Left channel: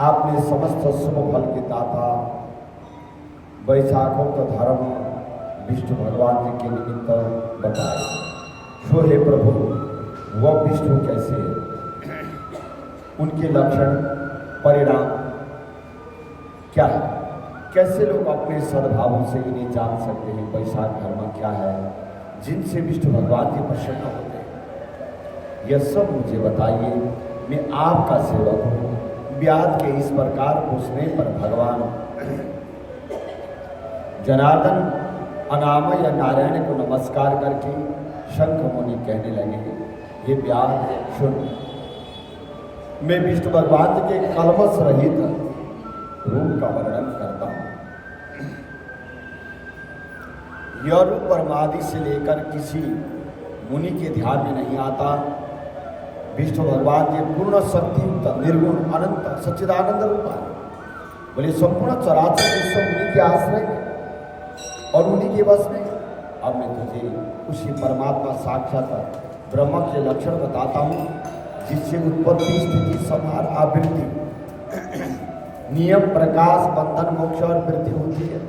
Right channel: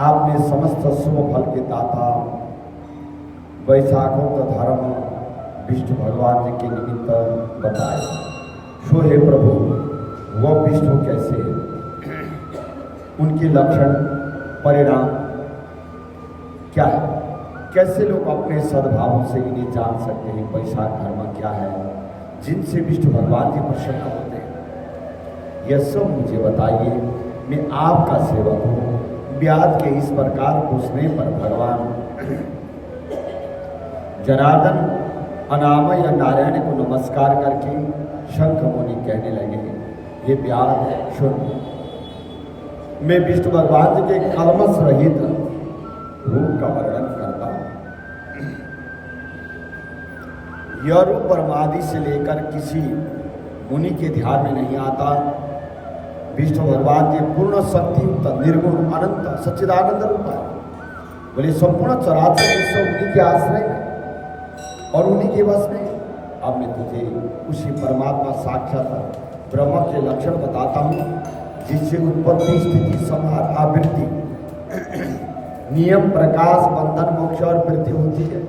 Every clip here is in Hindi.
आपने समस्त शुभ फल के दाता वैशाखोक्त धर्म विष्णु भगवान जी के निमित्त बताए। सो हे प्रभु, वह विष्णु कैसे है, उनके लक्षण परिणाम क्या है, कैसे लोग अपने सद्भावों से इन्हें जान सकते हैं। वैशाख धर्म क्या है जिनसे विष्णु भगवान जी प्रसन्न होते हैं, यह सब मुझे बताइए। मैं आपका सेवक हूँ। व्याध के इस प्रकार पूछने पर भगवान जनार्दन अनामय या नारायण को नमस्कार करके शंख मुनि कहने लगे, ये व्याध सुन, मैं विष्णु भगवान जी के कलमश रहित रूप का वर्णन करता हूँ। यह रूप परमादि से लेकर किसी मुनि के ध्यान में नहीं आता। विष्णु भगवान जी पूर्ण शक्ति युक्त निर्गुण अनंत सच्चिदानंद रूप है। बोले संपूर्ण चराचर विश्व उन्हीं के आश्रय में और उन्हीं के वश में। अब मैं तुझे उसी परमात्मा साक्षात ब्रह्म के लक्षण बताता हूँ, जिससे उत्पत्ति स्थिति संहार आवृत्ति नियम प्रकाश बंधन मोक्ष और वृद्धि होती है।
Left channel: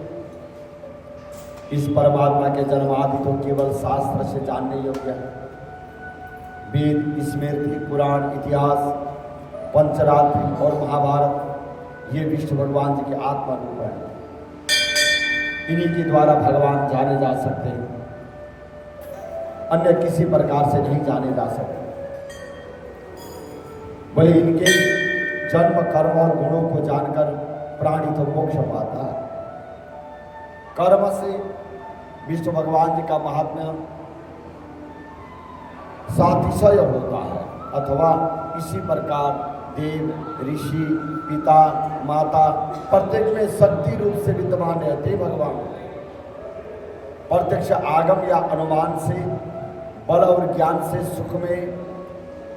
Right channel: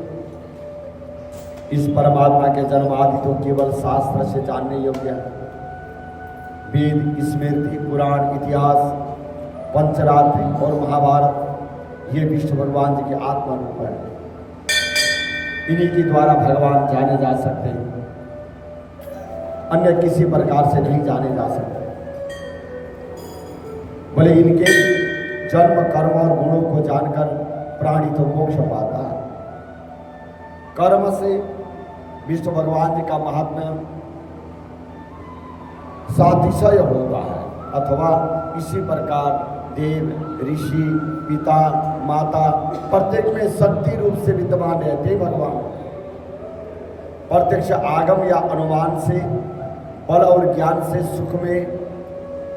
इस परमात्मा के जन्म आदि तो केवल शास्त्र से जानने योग्य है। वेद, स्मृति, पुराण, इतिहास, पंचरात्रि और महाभारत ये विष्णु भगवान जी के आत्मा रूप है। इन्हीं के द्वारा भगवान जाने जा सकते हैं, अन्य किसी प्रकार से नहीं जाने जा सकते। बोले इनके जन्म कर्म और गुणों को जानकर प्राणी तो मोक्ष पाता है। कर्म से विष्णु भगवान जी का महात्म्य सातिशय होता है, अथवा इसी प्रकार देव, ऋषि, पिता, माता प्रत्येक में शक्ति रूप से विद्यमान रहते भगवान। प्रत्यक्ष आगम या अनुमान से बल और ज्ञान से सुख में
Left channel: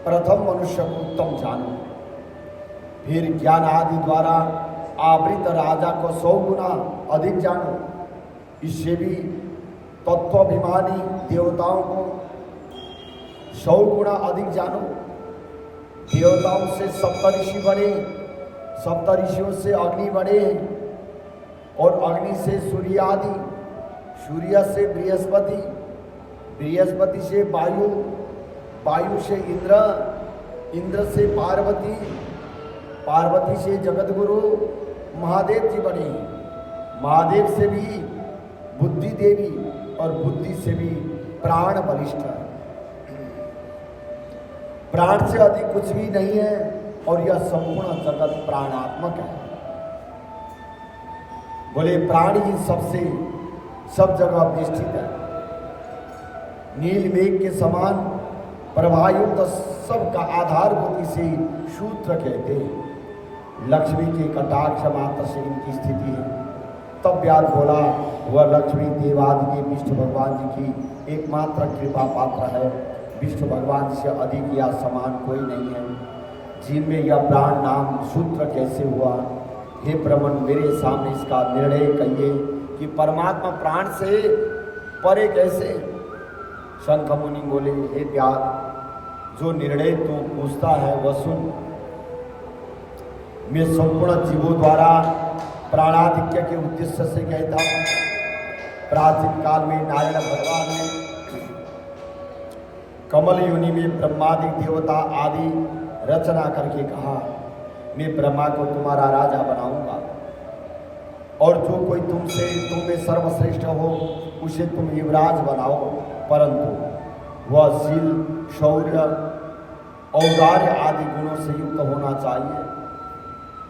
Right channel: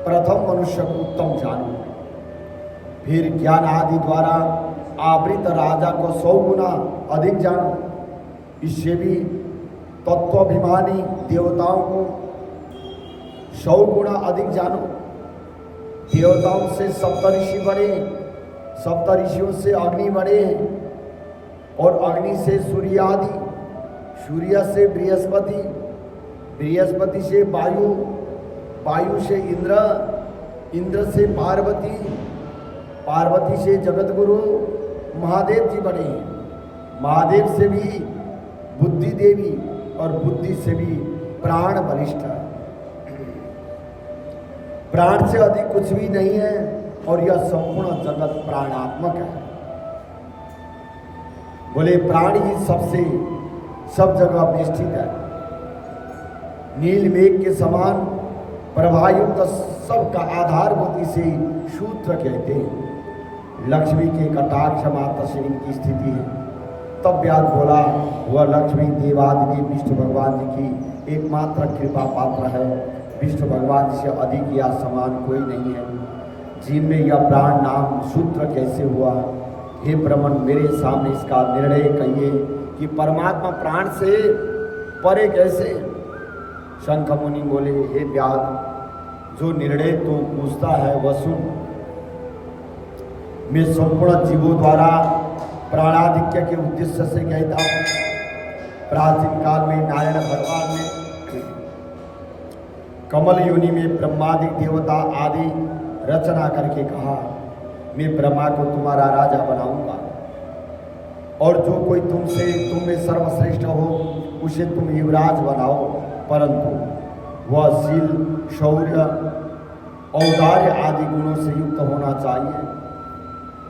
प्रथम मनुष्य को उत्तम जानो, फिर ज्ञान आदि द्वारा आवृत राजा को 100 गुना अधिक जानो। इससे भी तत्वाभिमानी देवताओं को 100 गुना अधिक जानो। देवताओं से सप्तऋषि बने, सप्तऋषियों से अग्नि बने, और अग्नि से सूर्य आदि, सूर्य से बृहस्पति, बृहस्पति से वायु, वायु से इंद्र, इंद्र से पार्वती, पार्वती से जगतगुरु महादेव जी बने। महादेव से भी बुद्धि देवी, और बुद्धि से भी प्राण बलिष्ठ है। प्राण से अधिक कुछ भी नहीं है, और यह संपूर्ण जगत प्राणात्मक है। बोले प्राण ही सबसे सब जगह बेष्टित है। नील मेघ के समान प्रभायुक्त सबका आधारभूत इसे सूत्र कहते हैं। लक्ष्मी के कटाक्ष मात्र से इनकी स्थिति है। तब व्यास बोला, वह लक्ष्मी देवादिदेव विष्णु भगवान जी की एकमात्र कृपा पात्र है। विष्णु भगवान जी से अधिक या समान कोई नहीं है। जिनमें यह प्राण नाम सूत्र कैसे हुआ? हे ब्रह्मन, मेरे सामने इसका निर्णय कहिए कि परमात्मा प्राण से परे कैसे? शंख मुनि बोले, हे व्यास, जो निर्णय तू पूछता है वह सुन। मैं संपूर्ण जीवों द्वारा प्राणाधिक्य के उद्देश्य से कहता हूँ। प्राचीन काल में नारायण भगवान ने कमल योनि में ब्रह्मादि देवता आदि रचना करके कहा, मैं ब्रह्मा को तुम्हारा राजा बनाऊंगा, और जो कोई तुम में सर्वश्रेष्ठ हो उसे तुम युवराज बनाओ, परंतु वह शील, शौर्य, औदार्य आदि गुणों से युक्त होना चाहिए।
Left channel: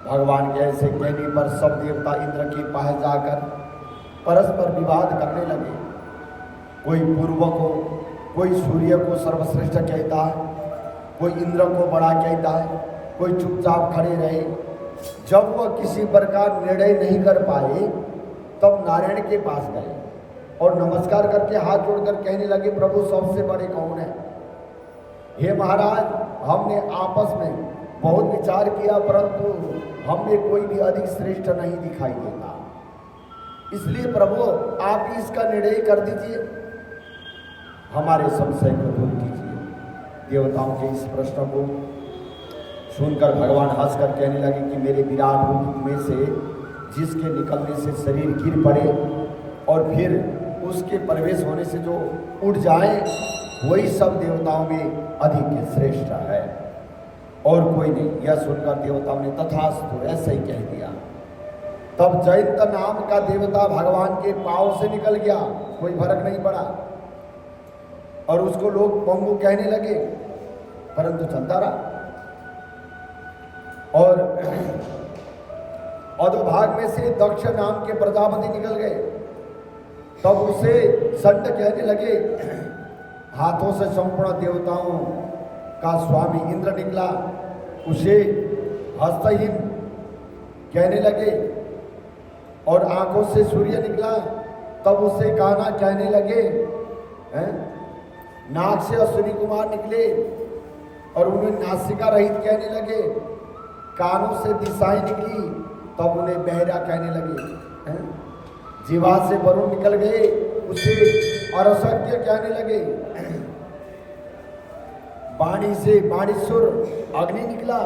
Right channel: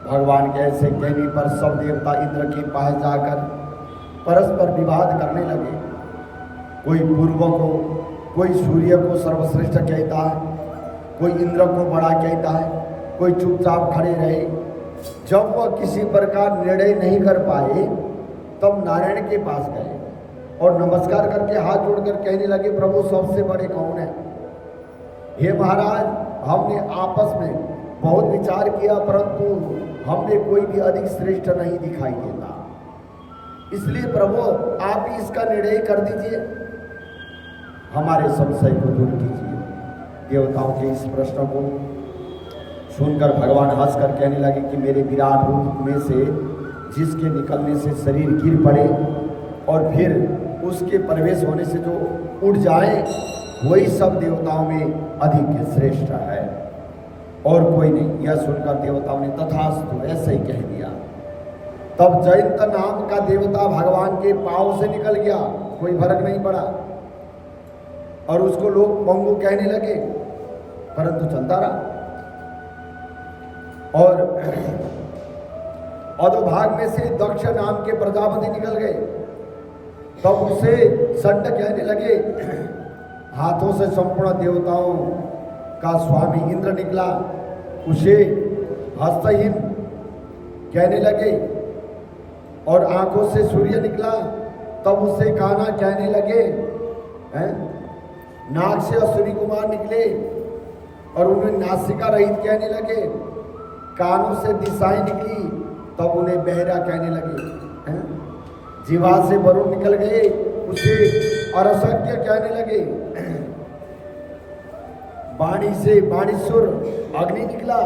भगवान के ऐसे कहने पर सब देवता इंद्र के पास जाकर परस्पर विवाद करने लगे। कोई पूर्व को, कोई सूर्य को सर्वश्रेष्ठ कहता है, कोई इंद्र को बड़ा कहता है, कोई चुपचाप खड़े रहे। जब वह किसी प्रकार निर्णय नहीं कर पाए, तब नारायण के पास गए और नमस्कार करके हाथ जोड़कर कहने लगे, प्रभु सबसे बड़े कौन है? हे महाराज, हमने आपस में बहुत विचार किया, परंतु हमें कोई भी अधिक श्रेष्ठ नहीं दिखाई देता। इसलिए प्रभु आप ही इसका निर्णय कर दीजिए, हमारे संशय को दूर कीजिए। देवताओं के इस प्रश्न को सुनकर भगवान हंसकर कहने लगे कि मेरे विराट रूप में से जिसके निकलने से शरीर गिर पड़े और फिर उसके प्रवेश होने से जो उड़ जाए, वही सब देवताओं में अधिक श्रेष्ठ है और कोई नहीं। यह सुनकर देवताओं ने तथास्तु ऐसा ही कह दिया। तब जयंत नाम का देवता भगवान के पांव से निकल गया, कोई फर्क नहीं पड़ा, और उसको लोग पंगु कहने लगे, परंतु चलता रहा। और अधोभाग में से दक्ष नाम के प्रजापति निकल गए। तब उसे संड कहने लगे। हाथों से संपूर्ण देवताओं का स्वामी इंद्र निकला, उसे हस्तहीन कहने लगे। और आंखों से सूर्य निकला, तब उसे काना कहने लगे। नाक से अश्विनी कुमार निकले और उन्हें नासिका रहित कहने लगे। कानों से दिशाएं निकली, तब उन्हें बहरा कहने लगे। जीवा से वरुण निकल गए, उसे अरसज्ञ कहने लगे। वाणी से वाणीश्वर अग्नि निकला,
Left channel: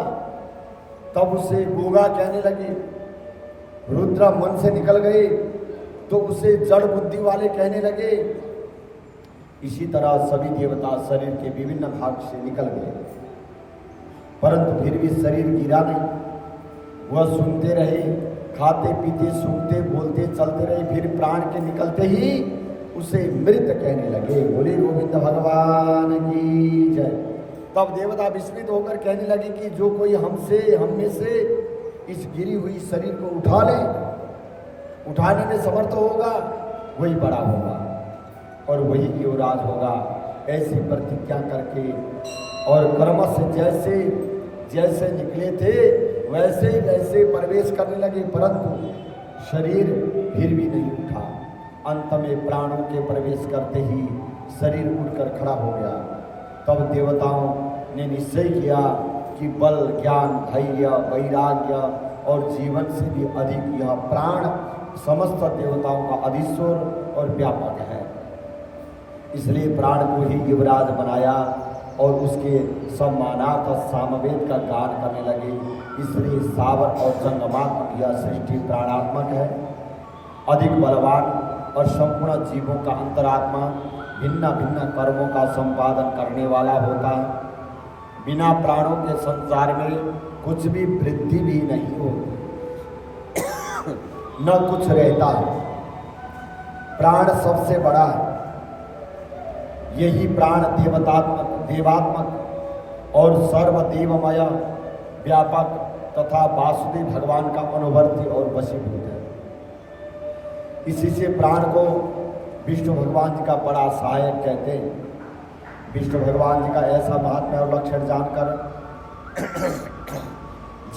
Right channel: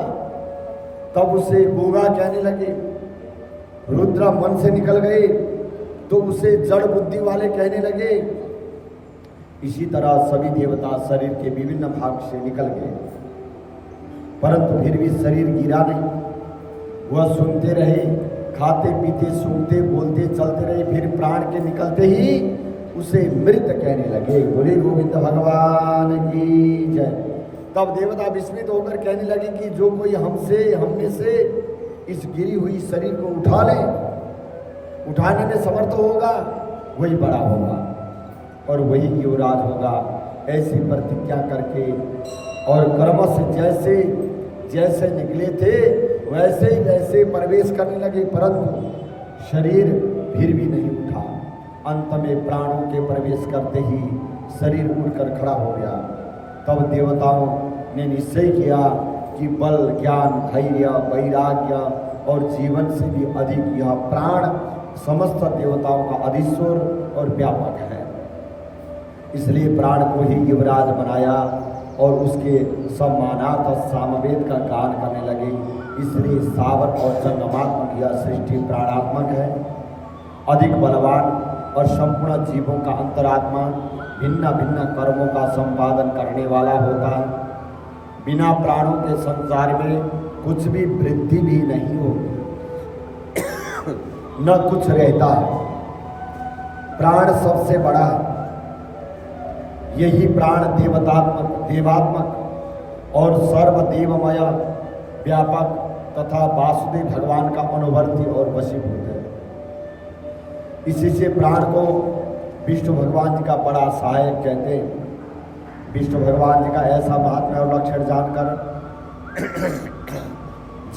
तब उसे गोगा कहने लगे। रुद्र मन से निकल गए तो उसे जड़ बुद्धि वाले कहने लगे। इसी तरह सभी देवता शरीर के विभिन्न भाग से निकल गए, परंतु फिर भी शरीर गिरा नहीं। वह सुनते रहे, खाते पीते सूंघते बोलते चलते रहे। फिर प्राण के निकलते ही उसे मृत कहने लगे। बोले गोविंद भगवान की जय। तब देवता विस्मित होकर कहने लगे कि जो कोई हम में से इस गिरी हुई शरीर को उठा ले, उठाने में समर्थ होगा, वही बड़ा होगा और वही युवराज होगा। ऐसी प्रतिज्ञा करके और कर्म से जैसे जैसे निकले थे वैसे ही वैसे प्रवेश करने लगे, परंतु शरीर फिर भी नहीं उठा। अंत में प्राणों के प्रवेश करते ही शरीर उठकर खड़ा हो गया। तब देवताओं ने निश्चय किया कि बल, ज्ञान, धैर्य, वैराग्य और जीवन से भी अधिक यह प्राण समस्त देवताओं का अधीश्वर और व्यापक है। इसलिए प्राण को ही युवराज बनाया और उसके सम्मानार्थ सामवेद का गान करने लगे। इसलिए सावर और जंगमात्मक यह सृष्टि प्राणात्मक है। अधिक बलवान और संपूर्ण जीवों का अंतरात्मा भिन्न भिन्न कर्मों का संपादन करने वाला होता है। बिना प्राणों के संसार में कुछ भी वृद्धि भी नहीं होती, न कुछ रहता है। प्राण सबसे बड़ा है। यही प्राण देवात्मक और सर्वदेवमय व्यापक तथा वासुदेव भगवान का अनुवर्ती और वशीभूत है। इसी से प्राण को विष्णु भगवान जी का बड़ा सहायक कहते हैं। विष्णु भगवान जी का ऐसा महात्म्य और लक्षण जानकर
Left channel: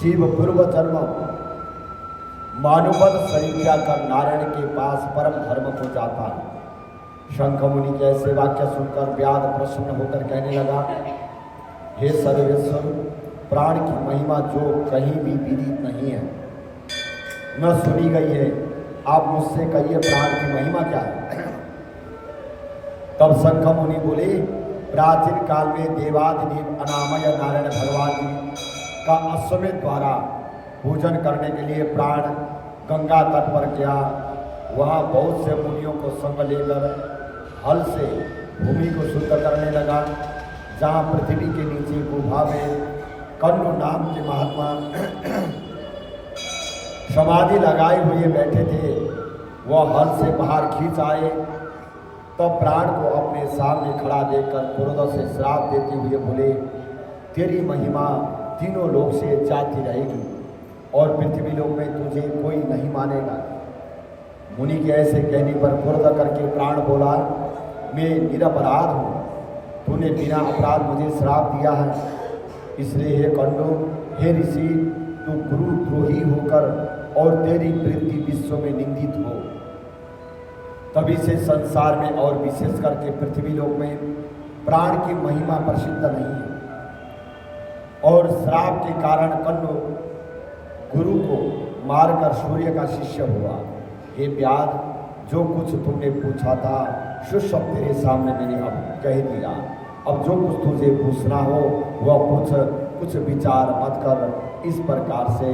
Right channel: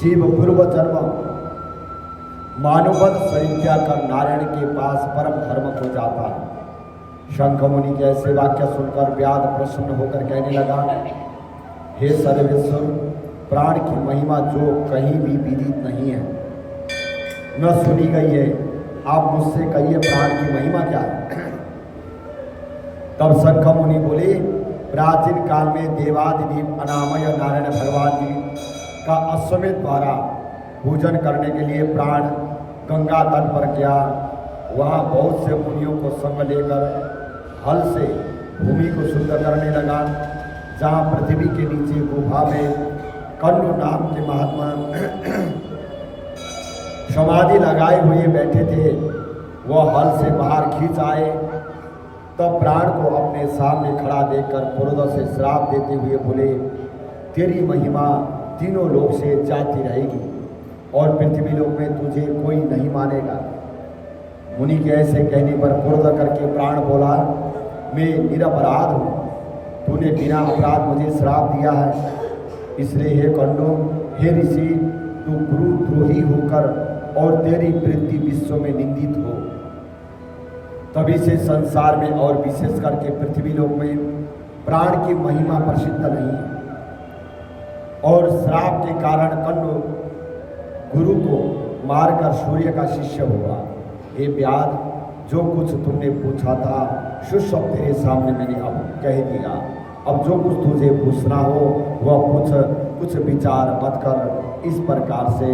जीव पूर्व जन्म मानववत शरीर त्याग कर नारायण के पास परम धर्म को जाता है। शंख मुनि के ऐसे वाक्य सुनकर व्याध प्रसन्न होकर कहने लगा, हे सर्वेश्वर, प्राण की महिमा जो कहीं भी विदित नहीं है, न सुनी गई है, आप मुझसे कहिए प्राण की महिमा क्या है। तब शंख मुनि बोले, प्राचीन काल में देवादिदेव अनामय नारायण भगवान जी का अश्वमेध द्वारा पूजन करने के लिए प्राण गंगा तट पर गया। वहाँ बहुत से मुनियों को संग लेकर हल से भूमि को शुद्ध करने लगा। जहाँ पृथ्वी के नीचे गुफा में कण्व नाम के महात्मा समाधि लगाए हुए बैठे थे, वह हल से बाहर खींच आए। तब प्राण को अपने सामने खड़ा देखकर क्रोध से श्राप देते हुए बोले, तेरी महिमा तीनों लोक से जाती रहेगी और पृथ्वी लोक में तुझे कोई नहीं मानेगा। मुनि के ऐसे कहने पर क्रोध करके प्राण बोला, मैं निरपराध हूँ, तूने बिना अपराध मुझे श्राप दिया है। इसलिए हे कंडो, हे ऋषि, तू गुरुद्रोही होकर और तेरी वृत्ति विश्व में निंदित हो। तभी से संसार में और विशेष करके पृथ्वी लोक में प्राण की महिमा प्रसिद्ध नहीं है। और श्राप के कारण कंडो गुरु को मारकर सूर्य का शिष्य हुआ। हे व्याध, जो कुछ तुमने पूछा था सो सब तेरे सामने मैंने अब कह दिया। अब जो कुछ तुझे पूछना हो वह पूछ, कुछ विचार मत कर इस प्रकार से।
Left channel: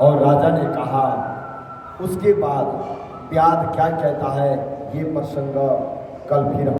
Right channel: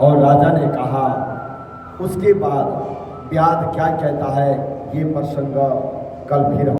और राजा ने कहा, उसके बाद व्याध क्या कहता है ये प्रसंग कल फिर